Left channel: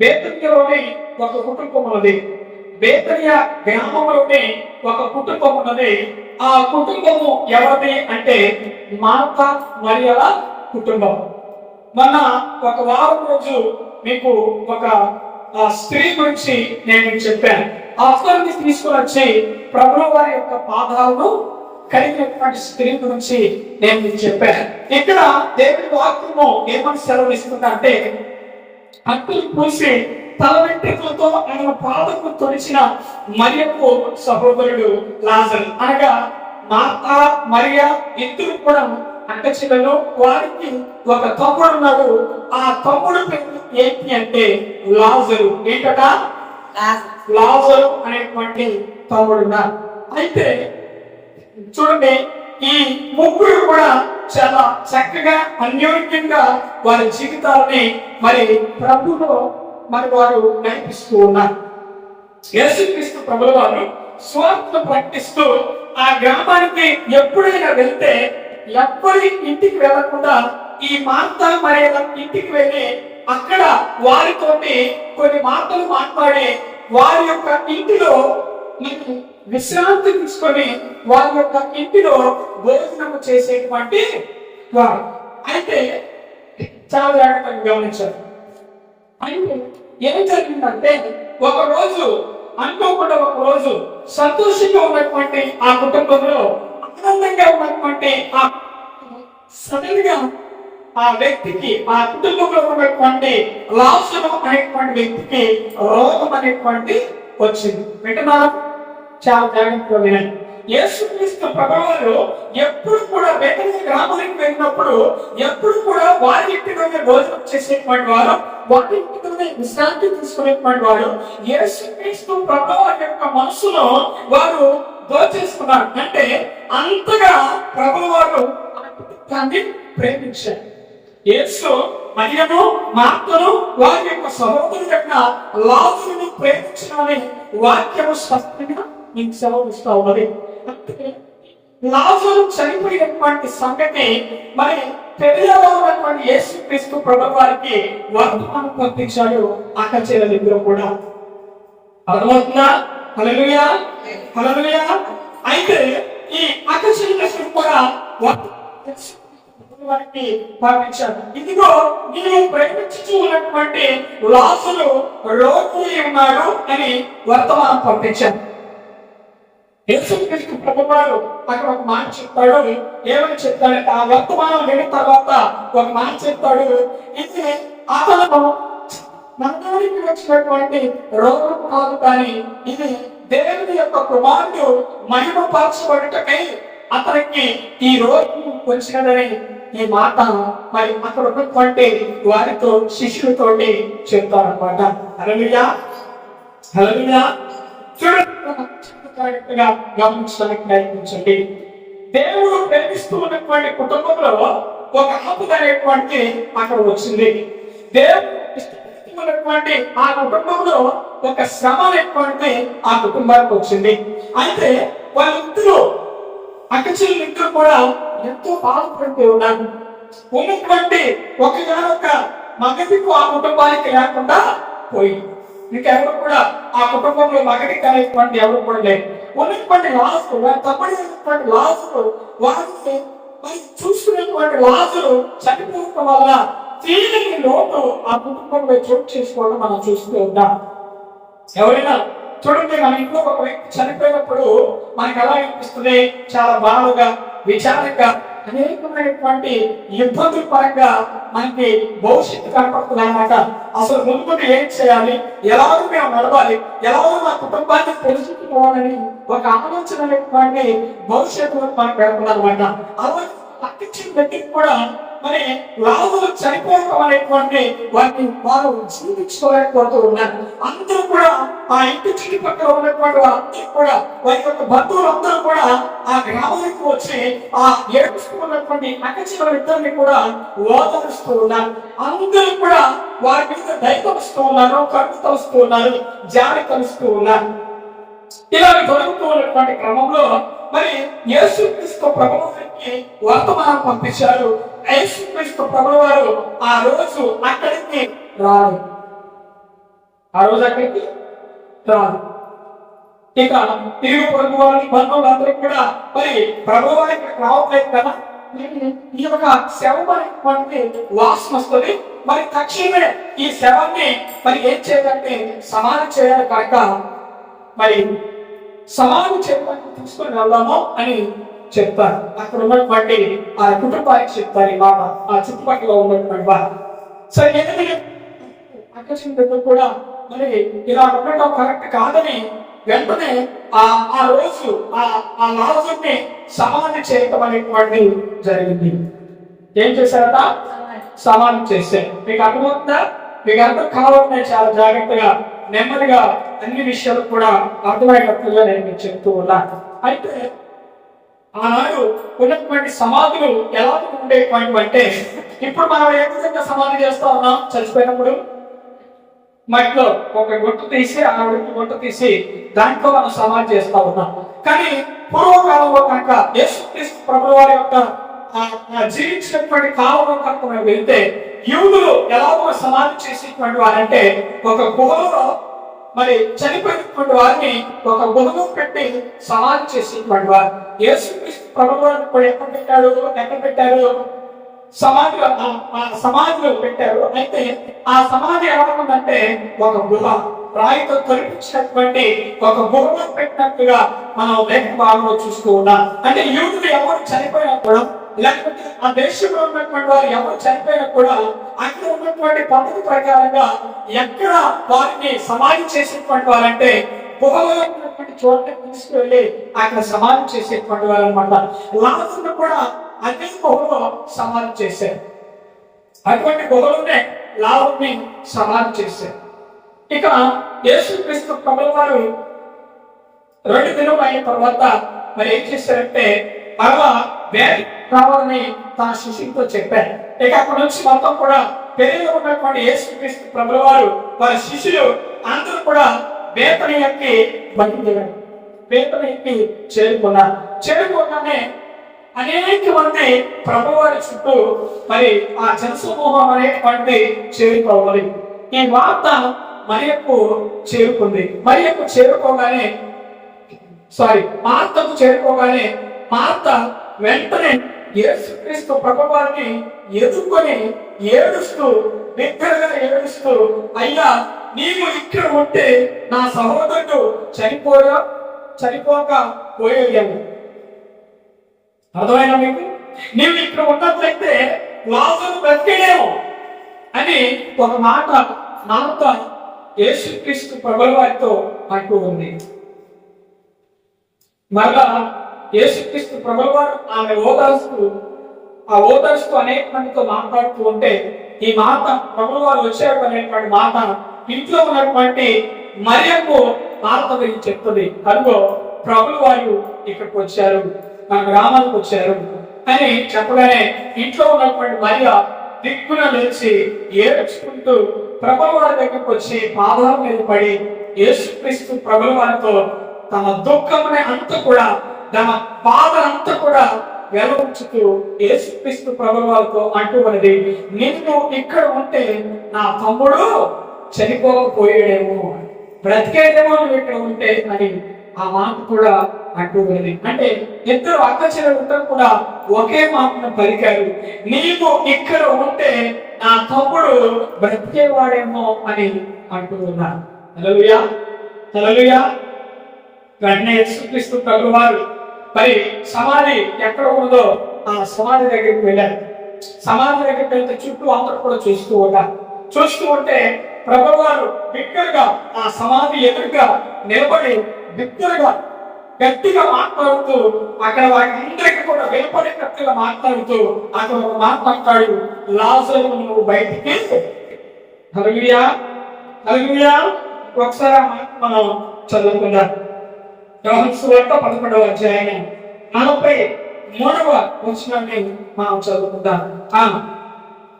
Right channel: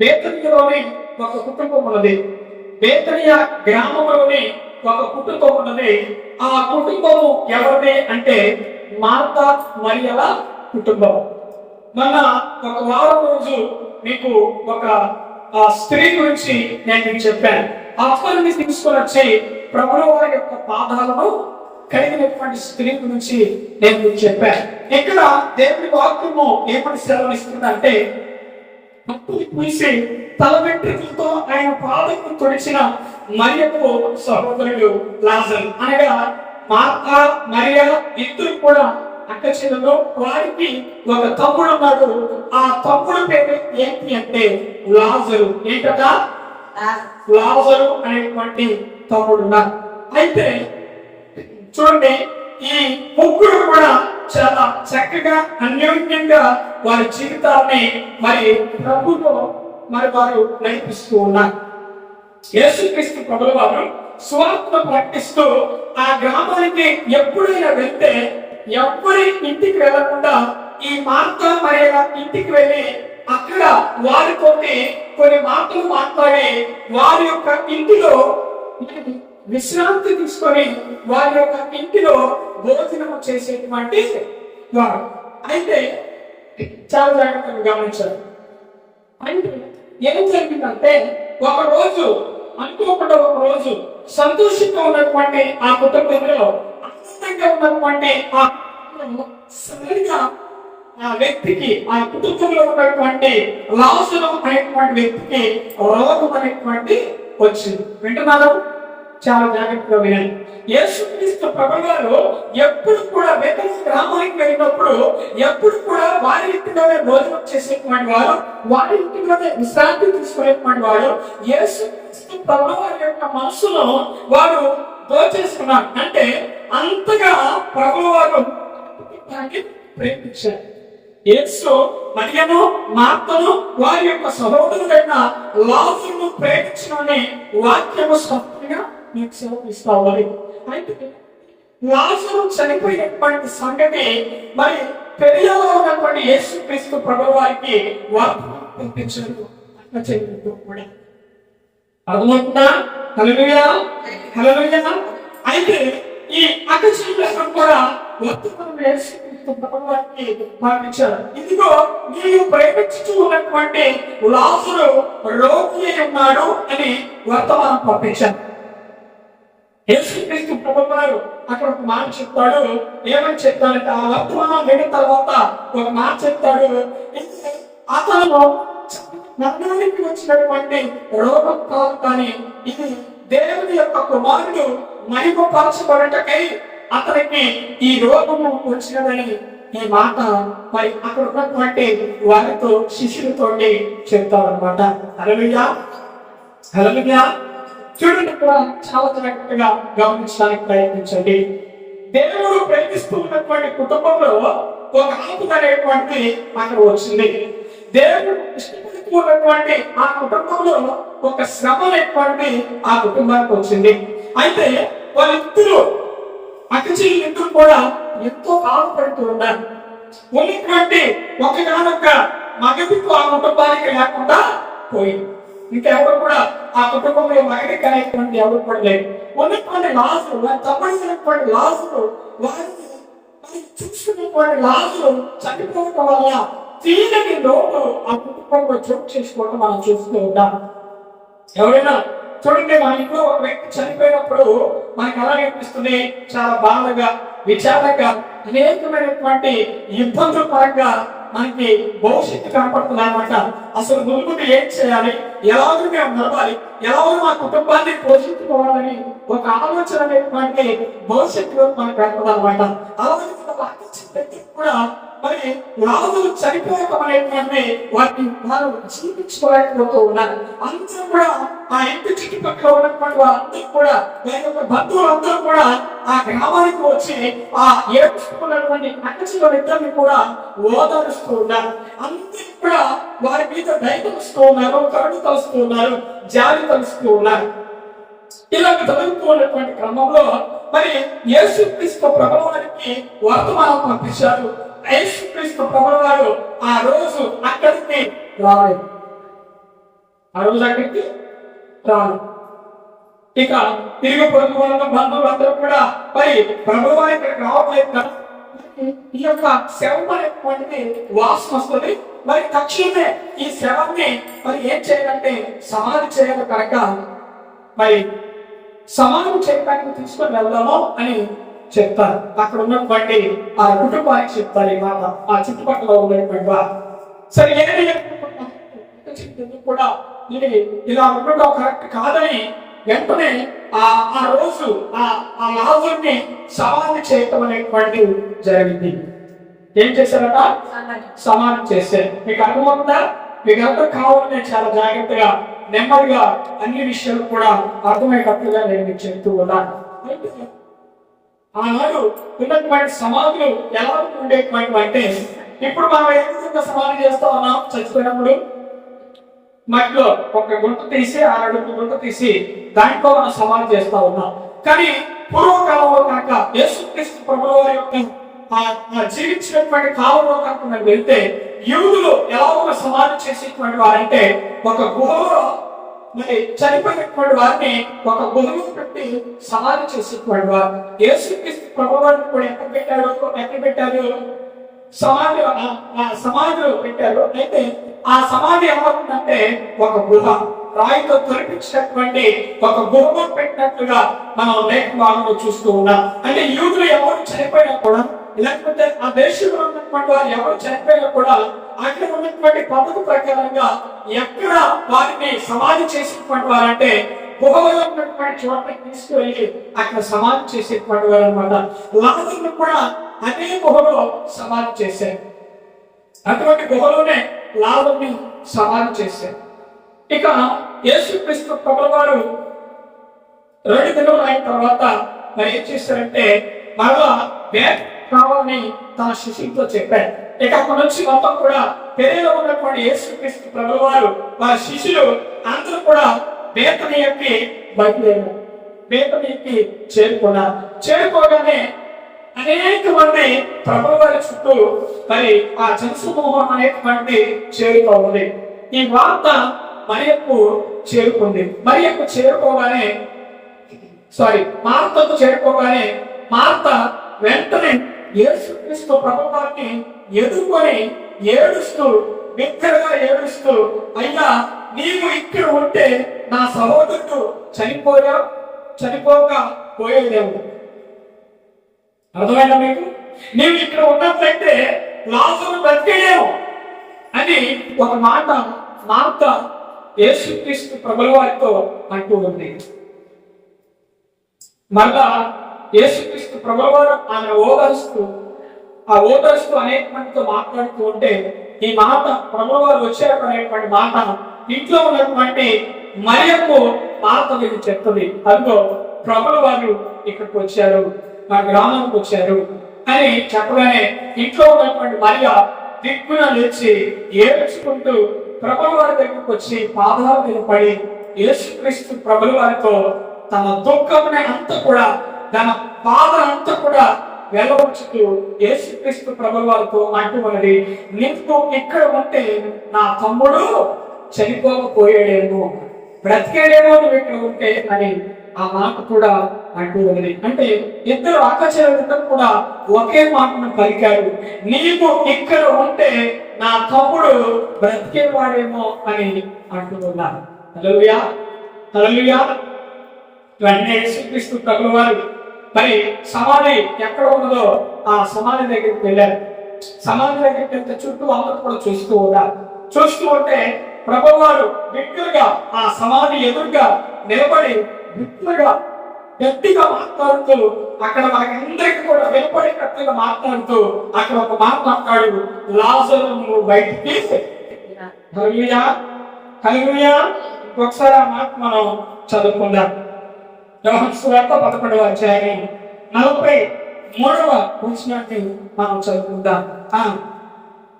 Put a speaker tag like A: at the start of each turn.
A: బేతనియలోని ఒక కుటుంబం ఉన్నది. బేతనియ గ్రామంలోని ఒక కుటుంబం ఉన్నది. ఆ కుటుంబము ఎవరిది అంటే మార్త మరియల కుటుంబం. మొన్న ఒక వారం రోజు మీకు ఒక స్త్రీ గురించి నేను మీకు చెప్పాను. ఆ అక్కడిని తీసుకొని వచ్చి ప్రభుల వారి యొక్క పాదాలను కలిగినటువంటి స్త్రీ గురించి నేను మీకు చెప్పాను. ఇక్కడ దేవుడి వాక్యము ఏమని సెలవు ఇస్తుందంటే అక్కులు పూసి తల వెంట్రుకలతో ఆయన పాదకు తొడిచిన మరియకు సహోదరుడు లాజర్. అనగా మాత మరియ ఇద్దరు కూడా అక్క చెల్లెలు వారికి ఒక తమ్ముడు ఉన్నాడు. ఆ తమ్ముడు పేరు ఏంటి అంటే లాజరు. ఏంటట? లాజరు అనేటువంటి తమ్ముడు ఉన్నారు అయితే చూడండి ఈ ముగ్గురు కూడా చాలా చక్కగా అన్యోన్యంగా వారి జీవితాలని మరి ప్రభుతో మరి వారు నడిపిస్తూ ఉన్నారు. యేసుక్రీస్తు ప్రభుల వారు స్వార్థ ప్రకటిస్తూ ఆ గ్రామానికి ఎప్పుడైనా వెళ్తే ఎవ్వరి ఇంటికి వెళ్ళకుండా ఈ మార్త మరైన ఇంటికి వెళ్ళి అక్కడ వారితోటి కొన్ని మాటలు మాట్లాడి వారి యొక్క ఇంటిలో విశ్రాంతి తీసుకొని వారి యొక్క ఇంటిలో భోజనము చేసేటువంటి వారు. అయితే చాలా జాగ్రత్తగా గమనించారు అయితే ఏం జరిగిందంటే ఒక రోజు అనుకోకుండా ఒక రోజు సంతోషంగా ఉన్నటువంటి ఆ కుటుంబంలో ఆనందంగా ఉన్నటువంటి ఆ సడన్గా ఆ వ్యక్తికి ఆ కుటుంబంలో ఉన్నటువంటి లాసులు అనేటువంటి వ్యక్తికి రోగం అనేటువంటి వచ్చింది. వింటున్నారు? చాలా జాగ్రత్తగా వినండి. యేసుక్రీస్తు ప్రభువారు ఎప్పుడు కూడా బెతనీ గ్రామానికి వెళ్ళినప్పుడు ఎప్పుడు కూడా వారి ఇంటిలోనే భోజనం చేసేటువంటి వారు వారి ఇంటిలోనే విశ్రాంతి తీసుకునేటువంటి వారు యేసుక్రీస్తు ప్రభువారి యొక్క మనసులో వారు దోచేసుకున్నారు. అంటే అంతగా ప్రభువారు ఆ ప్రేమించారు. యేసు మరియను మార్తను వారి యొక్క సహోదరుడైన లాజరును ప్రేమించమని వాక్యము స్పష్టంగా నీకు సెలవు ఇస్తా ఉన్నది అయితే లాజరు చనిపోయినటువంటి సంగతి మరి పెరియలో ఉన్నటువంటి యేసు క్రీస్తు ప్రభు వారికి వర్తమానం పంపించాడు. అక్క చెల్లెలిద్దరూ కూడా. అర్థమవుతుందా? హలలుయా హలలుయా అయితే ఈ అక్క చెల్లెలిద్దరూ కూడా వర్తమానం యేసు క్రీస్తు ప్రభు వారికి పంపించారు ఇదిగో నీవు ప్రేమించుతూ ఉన్నటువంటి లాసులు రోగి ఉన్నాడు అని వర్తమానం పంపించారు యేసుక్రీస్తు ప్రభువారు అక్కడ ఒక మాట చెప్తాడు. ఏమని చెప్తాడంటే ఆ వర్తమానం విన్న తర్వాత ఒక మాట చెప్తాడు. ఇది అతను మరణానికి వచ్చినటువంటి రోగం కాదు కానీ ఇది దేవుని యొక్క కుమారుడు మహిమపరచబడటకై అతనికి ఈ రోగము వచ్చినదని ఈ మాట మరి అక్కడ ఉన్నటువంటి వారితో శిష్యులతోటి చెప్తారనమాట హల్లెలూయా. హల్లెలూయా. చూడండి కూడా చాలా జాగ్రత్తగా గమనించడానికి ప్రయత్నించండి. దేవుడు ప్రేమిస్తూ ఉన్నటువంటి కుటుంబంలో ఒక ఆపుద అనేటువంటి అక్కడ వచ్చింది. దేవుడు ఇష్టపడుతూ ఉన్నటువంటి ఆ కుటుంబంలో ఒక శ్రమ అనేటువంటి ఆ కుటుంబానికి వచ్చింది. అయితే వాళ్ళిద్దరూ అక్కచెల్లిద్దరు కూడా ఎంతో బాధపడుతూ ఉన్నారు. ఉన్నటువంటి ఒకగానొక మగదికు ఆ కుటుంబానికి లేకుండా పోయింది. ఇంకెవరు కూడా ఆ కుటుంబంలో మగటి అనేటువంటి ఎవరు కూడా లేరు. ఉన్నటువంటి లాసు వారి తప్పనిసినటువంటి లాజులు వారిని మరి చూసుకునేటువంటి లాజులు చనిపోవటం వల్ల తీయని లోటు ఆ కుటుంబంలో చోటు చేసుకోవడం మనం చూస్తూ ఉంటాం. ఎవరైనా చూడండి మన ఇంట్లో ఒక వ్యక్తి చనిపోయినప్పుడు మనకు ఎలా అనిపిస్తుంది? చాలా బాధగా విచారంగా అనేకమైనటువంటి ఇబ్బందుల పరంగా మనకి భవిష్యత్తు కనపడుతుంది అనమాట అసలు ముందు ఏం చేయాలి? ఎలాగో మేము నడవాలి ఎలాగో మా కుటుంబాన్ని పోషించుకోవాలని ఒక ఆలోచన అనేటువంటి భవిష్యత్తులో మనకు పెడుతుంది అనమాట అలాగే వ్యక్తికి కూడా మరి లాభులు చనిపోవటం అనేటువంటి వారిని వారు జీవించుకోలేకపోతూ ఉన్నారు. అందరూ కూడా ఆ ఇంటి చుట్టుపక్కల ఉన్నటువంటి వారందరూ కూడా వారి యొక్క బంధువులందరూ కూడా ఆ గ్రామానికి వచ్చి ఆ ఏడుస్తున్నటువంటి అక్కచిన ఇద్దరిని కూడా ఓదారుస్తూ ఉన్నారు. అందరూ కూడా వారి మీద దయ తలుస్తూ ఉన్నారు కరుణ తలుస్తూ ఉన్నారు జాలి తలుస్తూ ఉన్నారు. ఇలా జరుగుతూ ఉన్నటువంటి క్రమంలో మరి యేసుక్రీస్తు ప్రభువారికి వర్తమానం పంపించారు. యేసుక్రీస్తు ప్రభువారు ఆ రోజు అక్కడికి రాలేదు. ఆ రోజు అక్కడికి రాలి ఇక తిరుగు పొరుగు వాళ్ళు బంధువులు అందరూ కూడా మరి ప్రభు వారి ఇక్కడికి రావట్లేదు కదా? ఈ యొక్క శవం అనేటువంటి వాసన వస్తుంది. మరి తక్షణమే ఈ శవాన్ని మరి ఏం చేయాలంటే సమాధి చేయాలి కనుక మరి సమాధి చేయడానికి తీసుకొని వెళ్దాము అని చెప్తారు అక్కడ ఉన్నటువంటి ఆ కుటుంబానికి చెప్తారు ఈ మాట. ఆ చుట్టుపక్కల ఉన్నటువంటి వారు. సరే ఏది అక్కడ కూడా మరి ఇలా ఉండడం కరెక్ట్ కాదని వెంటనే ఆ ఆ రోజు ఆ ఆ లాజుని సమాధి చేయటం అనేటువంటిది జరిగింది. ఏం చేశారట? సమాధి. చేశారు. మీకు అర్థమవుతుందా? మీకు అర్థం కావాలని చాలా జాగ్రత్తగా నెమ్మదిగా అన్ని విషయాలు కూడా అర్థమయ్యేటట్టుగా నేను మీకు చెప్తూ ఉన్నాను. అయితే ఆనాడు ఉన్నటువంటి సమాధులు ఎలా ఉండేటువంటి అంటే ఇప్పుడు మనం ఏ విధంగా సమాధి చేస్తా ఉన్నాం? చచ్చిపోయినప్పుడు మట్టిలో ఒక గుంట తీసి ఆ అడుగు గుంట తీసి దాంట్లో మనం సమాధి చేస్తా ఉన్నాం. కానీ పూర్వకాలంలో కనుక యేసుక్రీస్తు ప్రభుల వారి యొక్క ఆ- జీవించినటువంటి కాలంలో కనుక మనం వెళ్తే యూదులు ఎలాగో సమాధి చేసేటువంటి వారంటే ఒక గుహలో మరి చనిపోయినటువంటి వారిని ఒక గుహలో పెట్టి సమాధి చేసేటువంటి వారు. యేసుక్రీస్తు ప్రభువారిని కూడా ఎక్కడ పెట్టాడు? ఎక్కడ పెట్టారు? సమాధి ఆ- ఆ సమాధిలో పెట్టారు. అయితే ఆ సమాధి ఎలా ఉందంటే ఒక గుహ. రాయితో తొలిపించినటువంటి ఒక గుహలో పెట్టినట్టుగా మనం లేఖ భాగంలో చూస్తూ ఉన్నాం. అంటే యూదులు ఎవరు చనిపోయినా కూడా లేకపోతే ఆ దేశంలో ఉన్నటువంటి వారు ఎవరు చనిపోయినా కూడా అక్కడ ఉన్నటువంటి పద్ధతి ప్రకారంగా ఎక్కడ వారిని సమాధి చేసినటువంటి వారంటే గుహలో ఉన్నటువంటి చోట్లకి తీసుకువెళ్ళి అక్కడ సమాధి చేసేటువంటి వారు అనమాట లాజర్ను కూడా అదే గుహలో సమాధి చేశారు. అటువంటి గుహలోనే లాభంని సమాధి చేశారు. ఇక యేసుక్రీస్తు ప్రభుల వారు రెండు దినములు అయిన తర్వాత మరి ఏం చేశారంటే మరలా వేడి కావాలని తన శిష్యులతో చెప్పారు. ఇక అక్కడి నుంచి మొత్తం కూడా పెరిగిలో ఉన్నటువంటి యేసుక్రీస్తు ప్రభుల వారు వారి శిష్యులు అందరూ కూడా బేతని ఎక్కి బయలుదేరారు. బేతని ఎక్కి చేరుకున్నారు. చేరుకోగానే అనేక మంది ప్రభు వారి చుట్టూ మరి ఆ జనసమూహం అనేటువంటి చేరుకోవాలి. ఈ వార్త మరియకు చేరుకుంది. మరియకు చేరుకోగానే సారీ మార్తకు చేరుకోగానే మార్త వెంటనే యేసుక్రీస్తు ప్రభావారిని ఎదుర్కొని ఏడుస్తూ బిగ్గరగా ఏడుస్తూ అయ్యా నీవు ఇక్కడ ఉంటే నా సహోదరుడు చనిపోయా చనిపోక పోయేదేమో. అర్థమైనా మీకు? నీవు ఇక్కడ ఉన్నట్లయితే లాజరు బ్రతికేడేమో అని ఒక మాట నాంత యేసుక్రీస్తు ప్రభుల వారితో అంటూ ఉంది. మరలా యేసుక్రీస్తు ప్రభువారు ఆమె ఓదార్స్తూ ఆ ఓదార్స్తూ అనేక మందితో మాట్లాడుతూ ఉంటే ఈ మాత ప్రభువారు వచ్చారు అనేటువంటి మాట ఇంట్లో ఉన్నటువంటి మరియకు మాత గురించి చెప్తుంది. అందులో ప్రభుల వారు ఇక్కడికి వచ్చారు మన గ్రామానికి వచ్చారు అని చెప్పగానే ఇంట్లో ఉన్నటువంటి మరియ దిక్కున నిలిచి ఏడ్చుకుంటూ ప్రభుల వారి దగ్గరకు వచ్చి పాదాల మీద పడి యేసుక్రీస్తు ప్రభుల వారితో తన దుఃఖముని అంతా కూడా తన బాధ అంతా కూడా వెలవచ్చుతూ ఏసుక్రీస్తు ప్రభుల వారితో అంటూ ఉన్నది నిన్ను ఇక్కడ ఉంటే నా తమ్ముడు చనిపోకపోయాడేమో. బ్రతికేడేమో నువ్వు ఇక్కడ ఉంటే అని ఆ మాట కూడా అంటూ ఉన్నది అంటే ఇద్దరు అక్క చెల్లెలిద్దరు కూడా ఒకే మాటను పలికారు. నీవు ఇక్కడ ఉంటే నా తమ్ముడు బ్రతికేవాడేమో అని అంటూ ఉన్నారు తలలుయా తలలుయా వెంటనే యేసుక్రీస్తు ప్రభుల మరి సమాధి ఎక్కడ ఉన్నదో ఆ సమాధి దగ్గరికి వెళ్ళారు. సమాధి దగ్గరికి వెళ్తే చుట్టూ అందరూ కూడా చూస్తూ ఉన్నారు. చూస్తూ ఉంటే ప్రభు వారు బిగ్గరగా ఆ సమాధి ఎదురుగా నిలబడి బిగ్గరగా గట్టిగా మాట్లాడుతూ అక్కడ వారందరికీ కూడా వినపడేటట్టుగా మాట్లాడుతూ అక్కడ ఒక మాట మాట్లాడు లాజరు నువ్వు బయటికి కలుగుయా కలుగుయా ఒకసారి ఆ మాట మనం చదువుకుందాం. వార్త పదకొండవ అధ్యాయం నలభై మూడవ వచనాన్ని మనం చదువుకుందాం. ఆ